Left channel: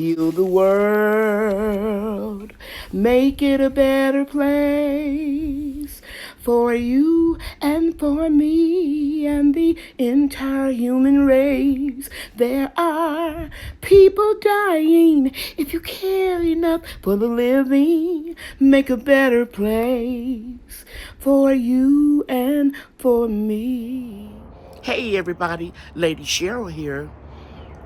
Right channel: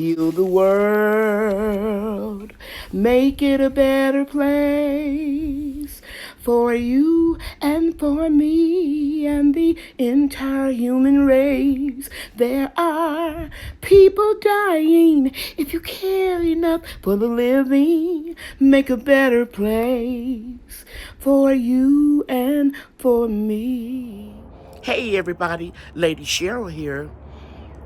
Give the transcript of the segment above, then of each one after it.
Heal the world, make it a better place for you and for me and the entire human race. There are people dying. If you care enough for the living, make a better place for you and for me. Hey everybody, Lady Cheryl here.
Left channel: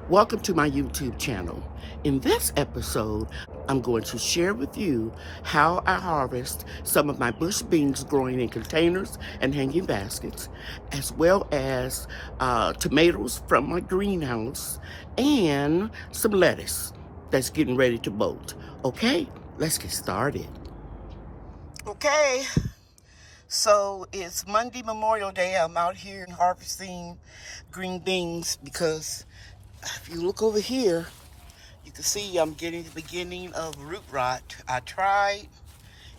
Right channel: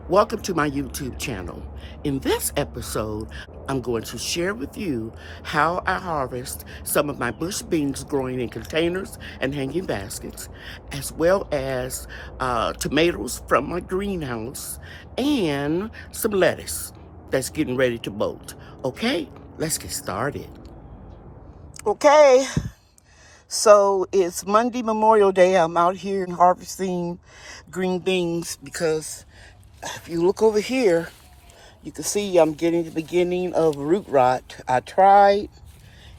Welcome to my YouTube channel. In this episode, I'm going to share with you how I harvest some of my bush beans growing in containers and hanging baskets, as well as tomatoes from my greenhouse and some lettuce that's getting ready to bolt. Okay, let's get started. Okay, so it's Monday, Memorial Day. I'm out here harvesting green beans because if you look over here, you can see I'm getting the beginning of root rot. I tried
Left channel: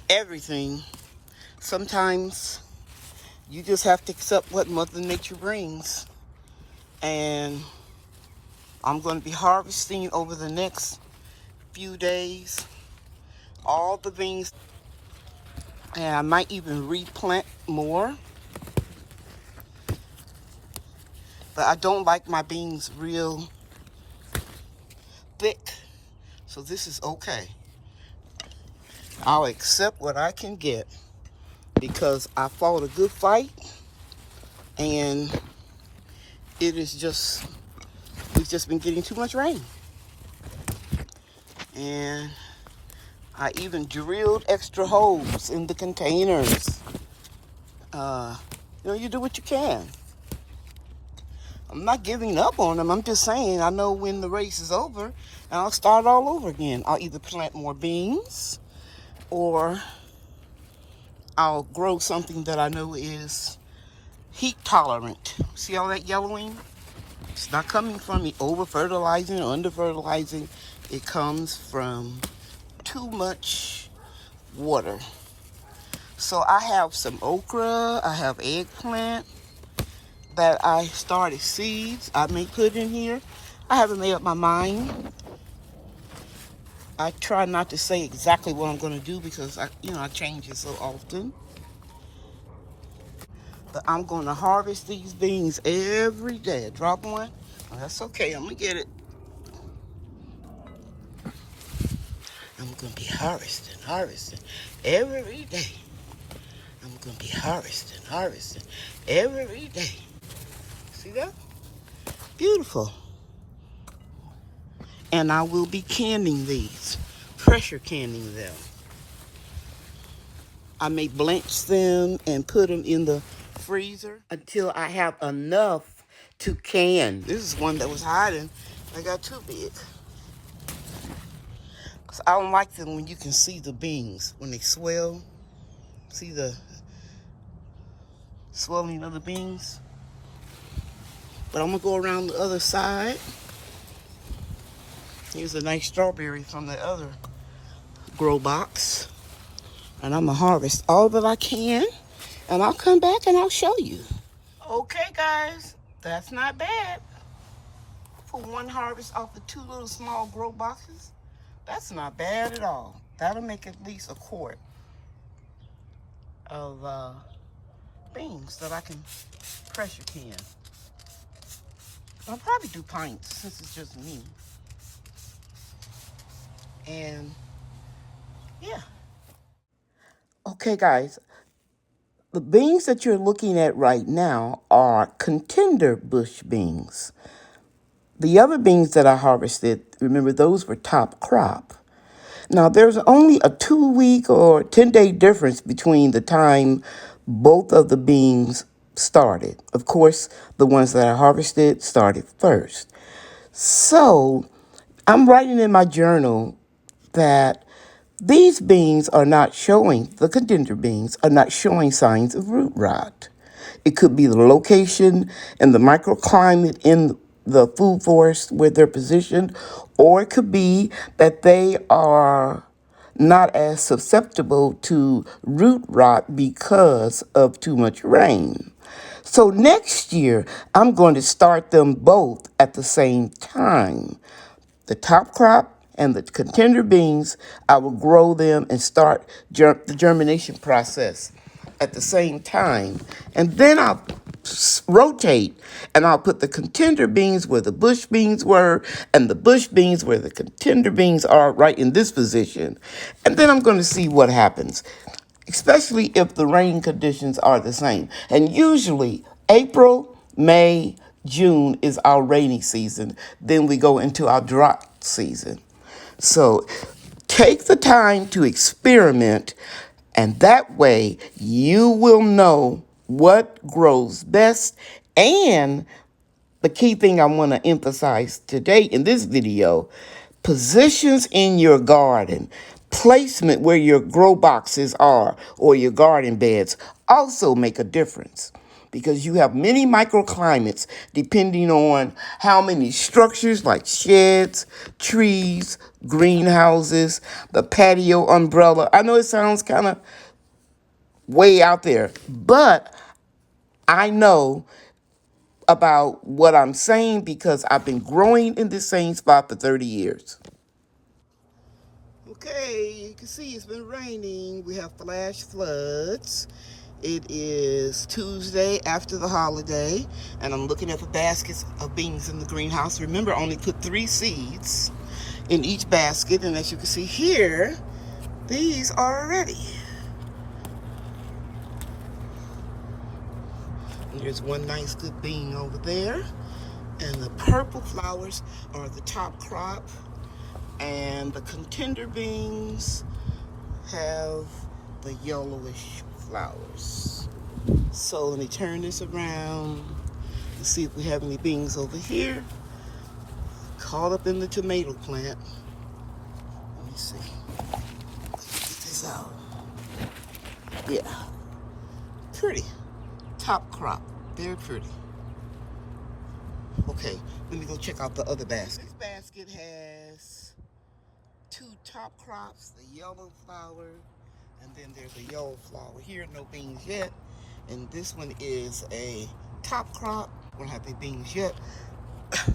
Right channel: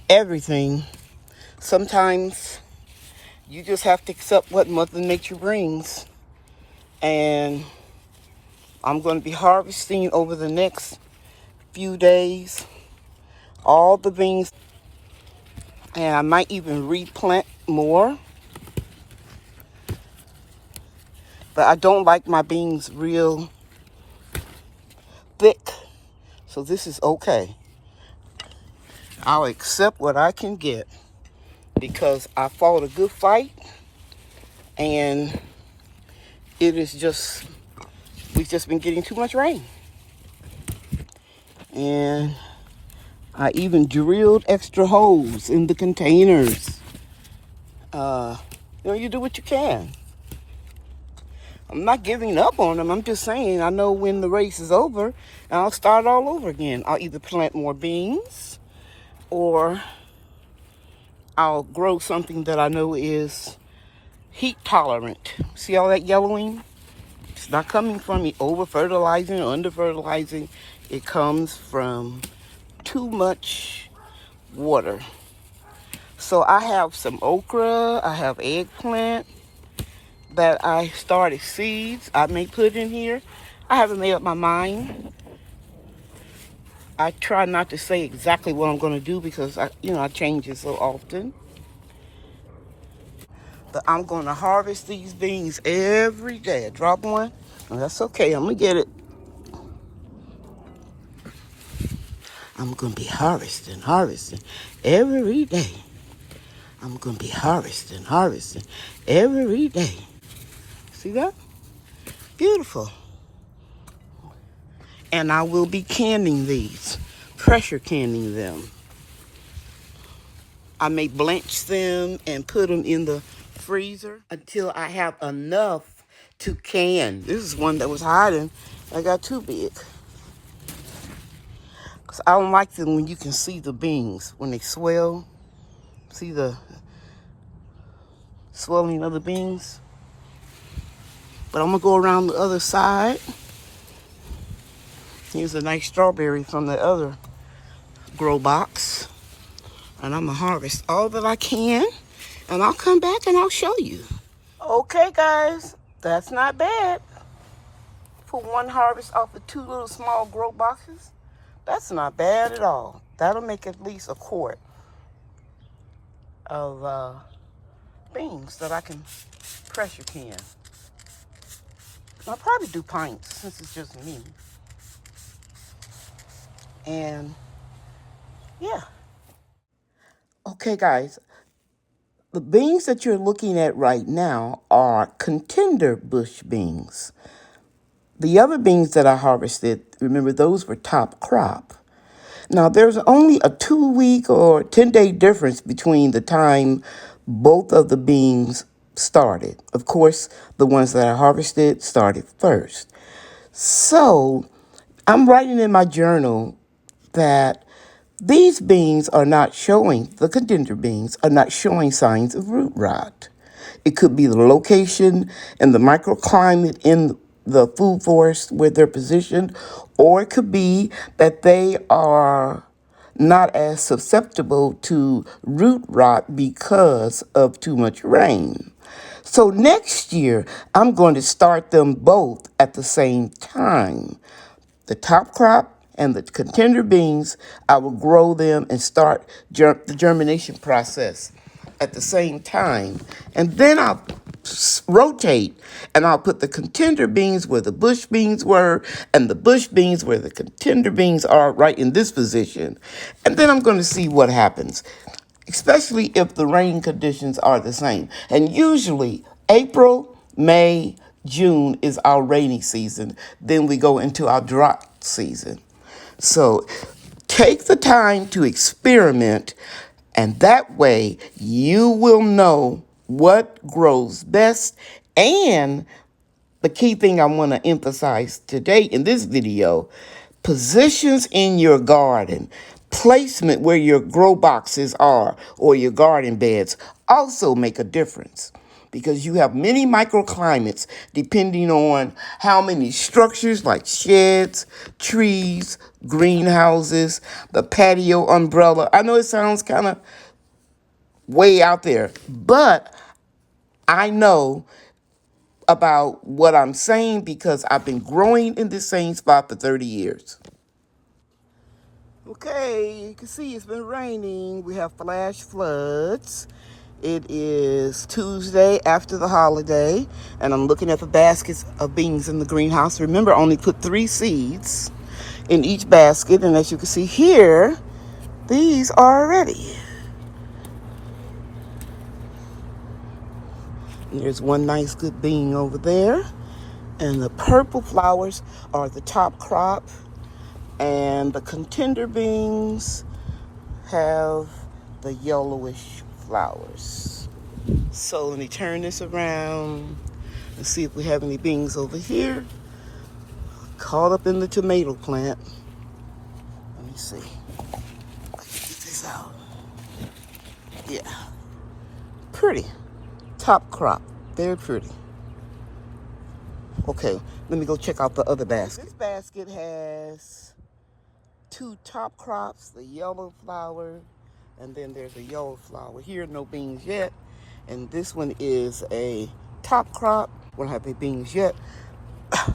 everything. Sometimes you just have to accept what Mother Nature brings. And I'm going to be harvesting over the next few days all the beans. And I might even replant more. But I don't like my beans real thick. So this is okay. I'll accept what I can get because I fought a good fight, and we've just been getting too much rain. And I even drilled extra holes in the containers. You do what you can. I'm not giving up on them. I'm just saying I know when the race is over, and I'll start all over again. I'll either plant more beans or I'll grow something that I know is heat tolerant. See all that yellowing? It's not coming from me over fertilizing or under fertilizing. It comes from too much water. So I have some okra, I have eggplant that I started seeds I may put in here. I haven't made up my mind. I try not to say exactly what I'm going to do because I change it so often. But I'm going to harvest these beans every day. I drop one, and that's okay. I'm going to get it. I'm going to be harvesting every day. I'm going to be harvesting every day. See that? Beautiful. And I will be canning these, pressure canning them. I may blanch them and put them in the freezer until I have enough to can. This is one that was hiding. I got too big. Cause I don't like them when you can see the beans when they swell. See the swelling of the beans. But I'm gonna go around the other side. Here's a nice strawberry from the other grow box. And I'm gonna harvest all that I can. And I'll come back and I'll show you. Okay, guys, that's not bad. For one harvest off the two little small grow boxes, that's not bad at all. That'll make at least a quart of beans that I can pressure can. I'll probably do pints since it's just me. And yeah. Okay, guys. The beans that you're looking at right now are contender bush beans. The other beans that I harvested, remember, those were top crop. Now, there's only a 2-week or 10-day difference between the time both of the beans started. Of course, the ones that I harvested started first. So, I'm writing in my journal that these beans are not showing, the contender beans are not showing signs of root rot. It could be the location and the microclimate in the food forest where they're positioned, or it could be that they are not as susceptible to root rot because of too much rain. So next year, I'm going to start them both at the same time. The top crop And the contender beans, I will grow them and start the germination process at the same time. And then I'll rotate, and I'll put the contender beans where the bush beans were and the bush beans where the contender beans are, right in this position. And then I'm going to see what happens, especially if the rain conditions are the same. And usually April, May, June is our rainy season. Then we go into our drought season. So take the time to experiment, and that way you will know what grows best. And the key thing I want to emphasize today in this video, positions in your garden, placement where your grow boxes are or your garden beds also make a difference, because you have many microclimates depending on how many structures like sheds, trees, greenhouses, the patio umbrella. I know it sounds kind of way out there, but I know about what I'm saying because I've been growing in this same spot for 30 years. Okay, you can see it's been raining. We have flash floods. It is Tuesday after the holiday, and I'm looking at the baskets of beans in the greenhouse. Remember, I only put 3 seeds in each basket, and as you can see here, these are ready. And there's one nice good bean over there, and the purple flowers are the top crop, and the contender beans have the yellowish flowers. So let me turn this around and see if we have any beans over here caught up in the tomato plant. Let me see. Get this out. Yeah, pretty top crop, very pretty. Okay, let me go check out the other basket. This basket has 2 top crops, the yellow flower, and then there's a yellow flower. Here, no beans yet. And this one is a top crop. We don't have any beans yet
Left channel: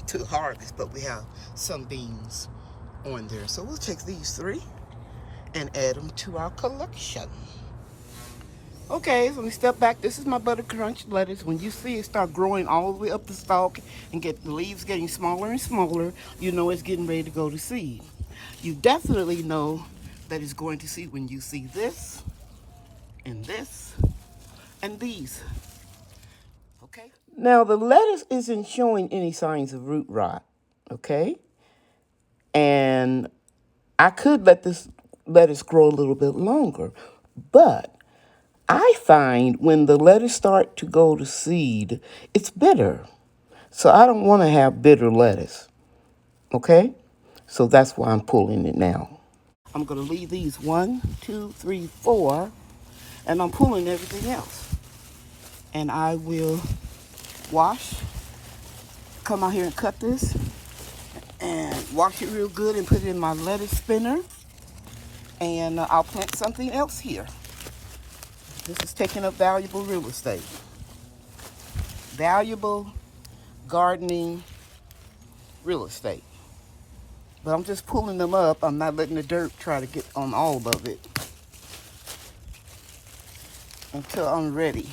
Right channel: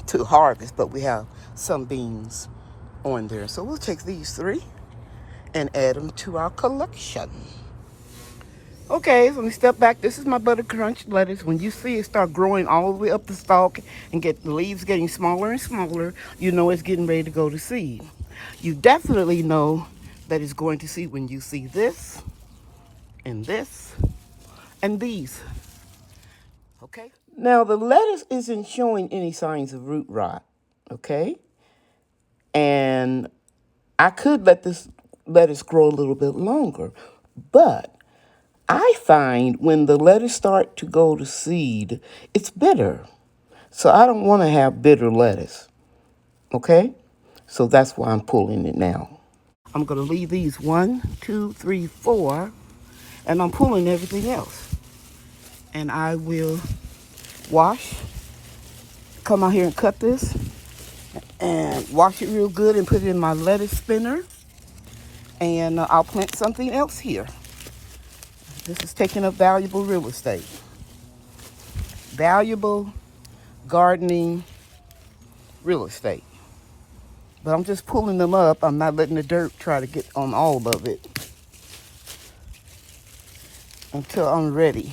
to harvest, but we have some beans on there. So we'll take these 3 and add them to our collection. Okay, so let me step back. This is my ButerCrunch lettuce. When you see it start growing all the way up the stalk and get the leaves getting smaller and smaller, you know it's getting ready to go to seed. You definitely know that it's going to seed when you see this and this and these. Okay? Now the lettuce isn't showing any signs of root rot, okay? And I could let this lettuce grow a little bit longer, but I find when the lettuce start to go to seed, it's bitter. So I don't want to have bitter lettuce, okay? So that's why I'm pulling it now. I'm going to leave these 1, 2, 3, 4, and I'm pulling everything else. And I will wash, come out here and cut this, and wash it real good and put it in my lettuce spinner. And I'll plant something else here. This is taking up valuable real estate. Valuable gardening real estate. But I'm just pulling them up. I'm not letting the dirt try to get on all of it until I'm ready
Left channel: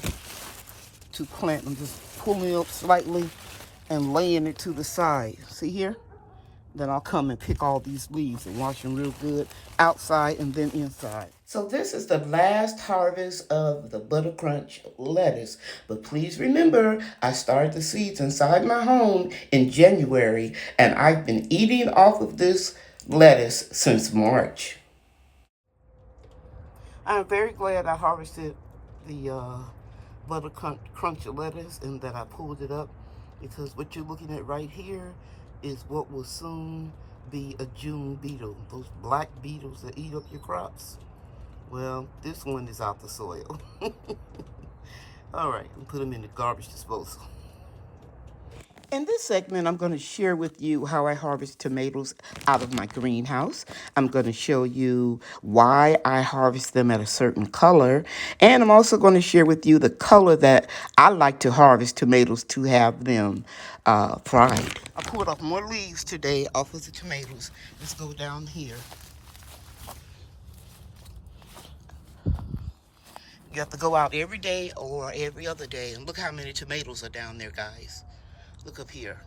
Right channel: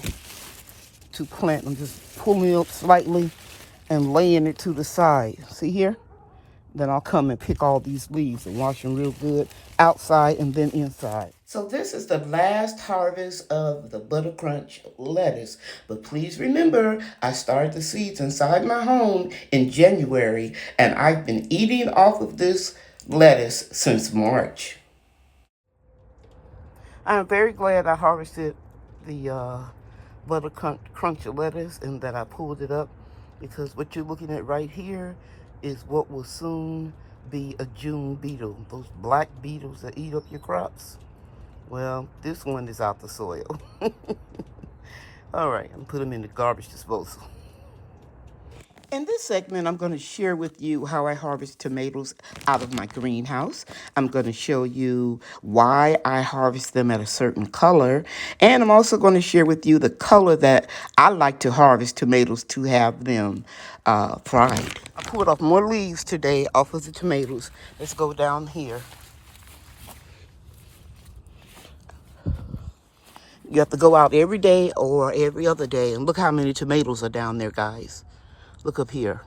to plant. I'm just pulling it up slightly and laying it to the side. See here? Then I'll come and pick all these leaves and wash them real good outside and then inside. So this is the last harvest of the ButerCrunch lettuce. But please remember, I started the seeds inside my home in January, and I've been eating off of this lettuce since March. I'm very glad I harvested the ButerCrunch lettuce and that I pulled it up, because what you're looking at right here is what will soon be a June beetle. Those black beetles that eat up your crops. Well, this one is out the soil. All right, I'm put them in the garbage disposal. In this segment, I'm going to share with you how I harvest tomatoes out of my greenhouse. I'm going to show you why I harvest them at a certain color. And I'm also going to share with you the color that I like to harvest tomatoes to have them fried. pulled off more leaves today off of the tomatoes. Let's go down here. You have to go out every day or every other day. And look how many tomatoes are down there, guys. Look up here.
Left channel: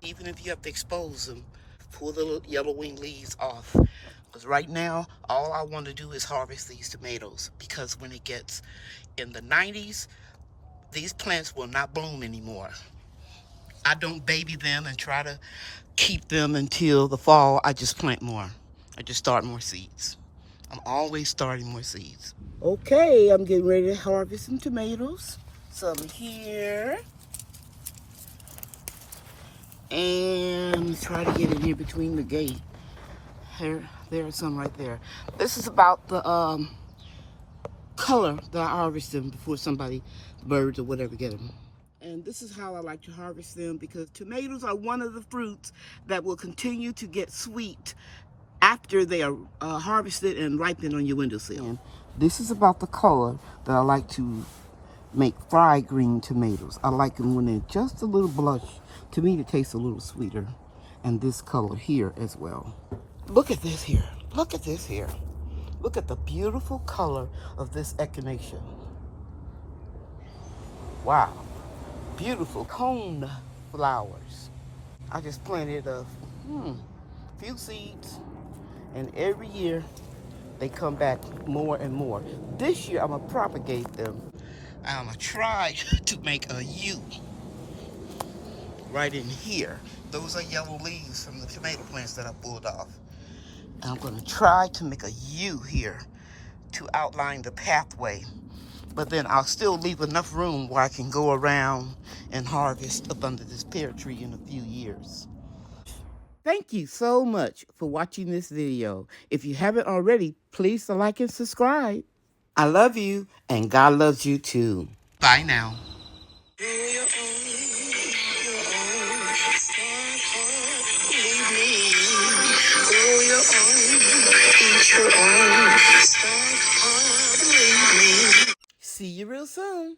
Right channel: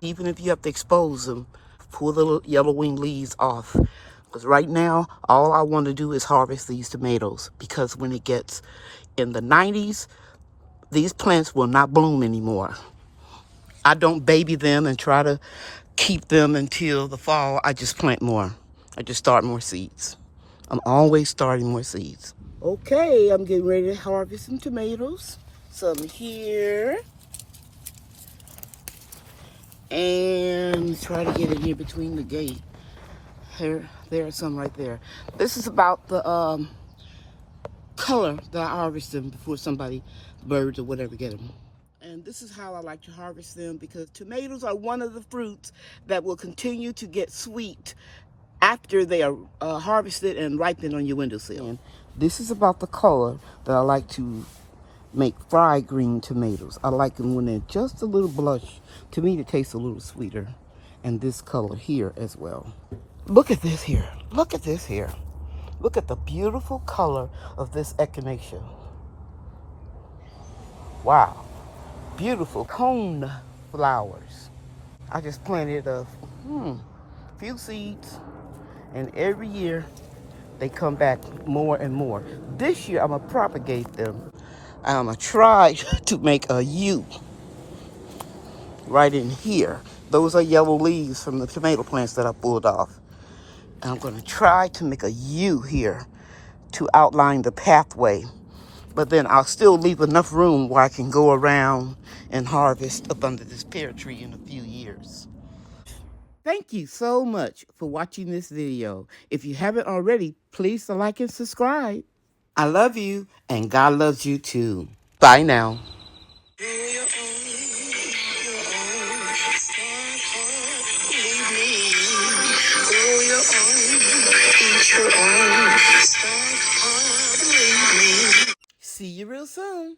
Even if you have to expose them, pull the little yellow wing leaves off. Because right now, all I want to do is harvest these tomatoes. Because when it gets in the 90s, these plants will not bloom anymore. I don't baby them and try to keep them until the fall. I just plant more. I just start more seeds. I'm always starting more seeds. Okay, I'm getting ready to harvest some tomatoes. Some here. And try to get it here between the gate. There are some right there. This is about the color that I harvest them before somebody, birds or whatever, get them. And this is how I like to harvest them, because tomatoes are one of the fruits that will continue to get sweet after they are harvested and ripened on your windowsill. And this is about the color that I like to make fried green tomatoes. I like them when they're just a little blush. To me, it tastes a little sweeter. And this color here as well. Look at this here. Look at this here. Look at the beautiful color of this echinacea. Wow. Beautiful cone flowers. I just planted a few seeds, and every year they come back more and more. This year I'm gonna propagate them. I'm gonna try to make a U right in here. Those are yellow leaves from the tomato plants that I pulled off. And I'm gonna try to make a U here to outline the pathway. But then I'll still leave enough room where I can go around and harvest up under this pear tree in a few years. Thank you so much for watching this video. If you haven't already, please like and subscribe. I love you, and God loves you too. Bye now. Grow your own, start hard, believe me. Grow your own, eat your own, start hard, believe me. See you real soon.